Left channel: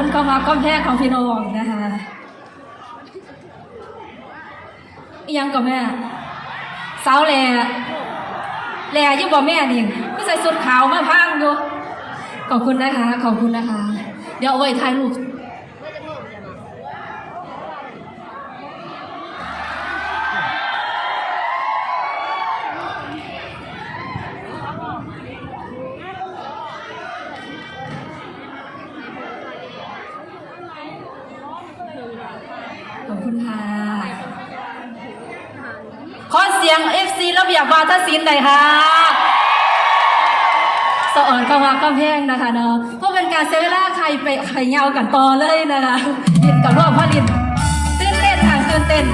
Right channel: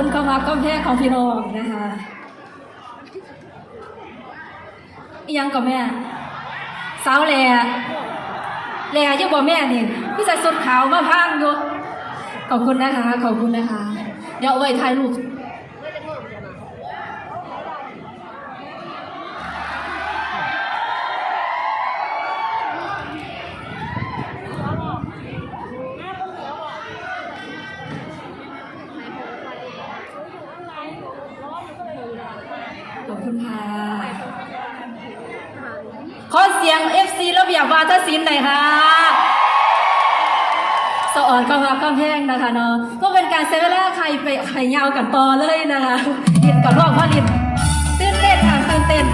คุณก็มาก็แพ้ของพี่น้องนะคะอีหยังกับแม่สาวแหล่แหล่ยี่บ่แม่นี่พี่ใส่สุดขาวมาพังอยู่ขอบคุณนะคะ ขอบคุณนะคะ เดี๋ยวเอาไว้ถ่ายรูปขอบคุณค่ะ ขอ เสียง FC ระเบียบวาทศิลป์หน่อยค่ะสะอ่อนก็มาก็เพลงนะคะเนาะเพราะเป็นการเซเวลาใครไปใครเงากันต่อเลยนะคะลินกับรอบพ่อลินตื่นเต้นค่ะตื่นเต้น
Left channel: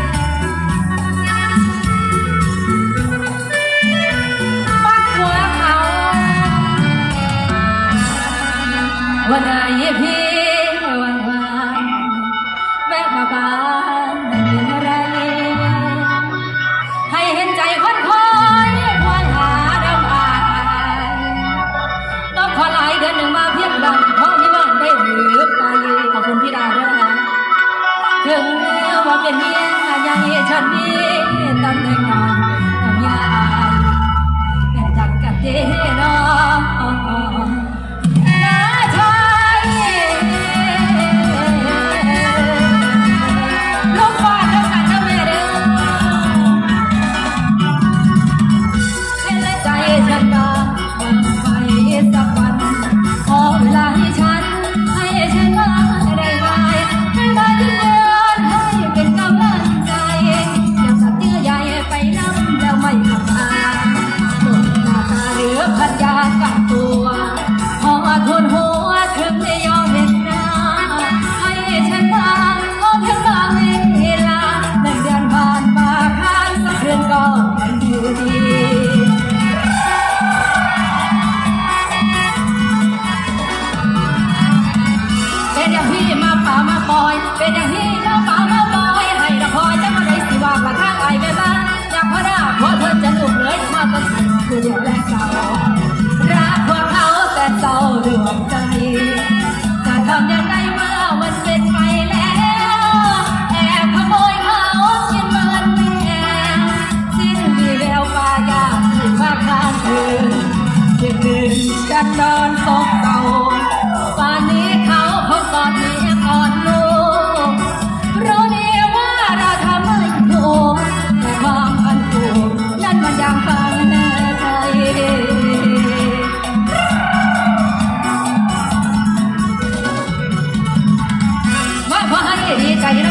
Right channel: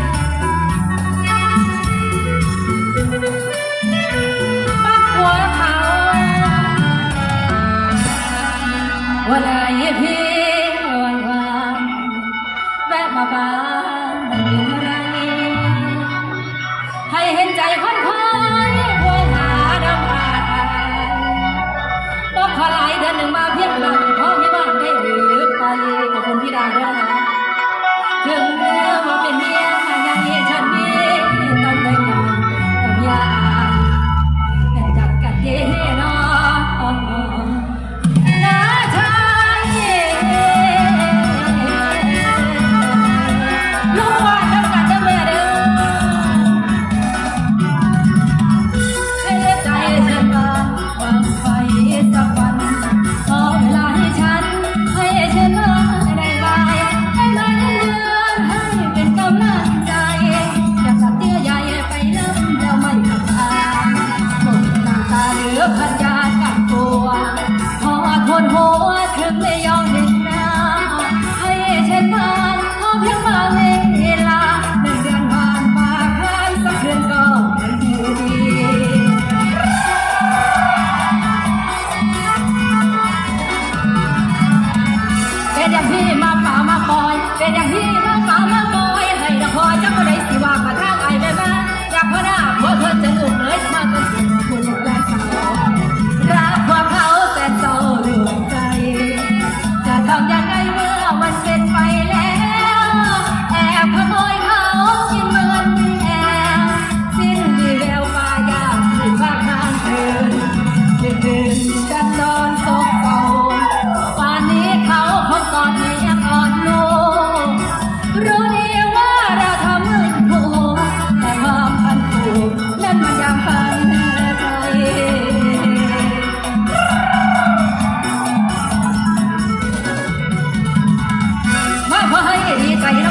ปักหัวเขาวันไหนพี่ หนึ่งมาเพียงดังเพราะมีบ้านได้หรือไปขอบคุณพี่ดาวด้วยนะคะถึงแม้ว่าเป็นเมียยังให้ฉันมี อย่างพี่มาป่ามาปอย เป็นอย่างพี่มาป่ามาปอย ให้ละคอยจะมาได้สิว่ามาทางไอเวลาอยากพนาพอเพื่อจะลุกเลยมาต้นทุนคุณและสาวรักความเขาแต่เศร้าดวงใจจะทำยังไงเมื่อมันเป็นไปแล้วแอบขโมยเขากินมันแอบสิ้นวีแววปายาที่มาข้างคืนที่คืนกันเดินซบ มาพ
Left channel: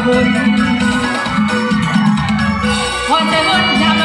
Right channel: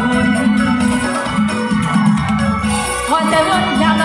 อยคุณวันเดวันยา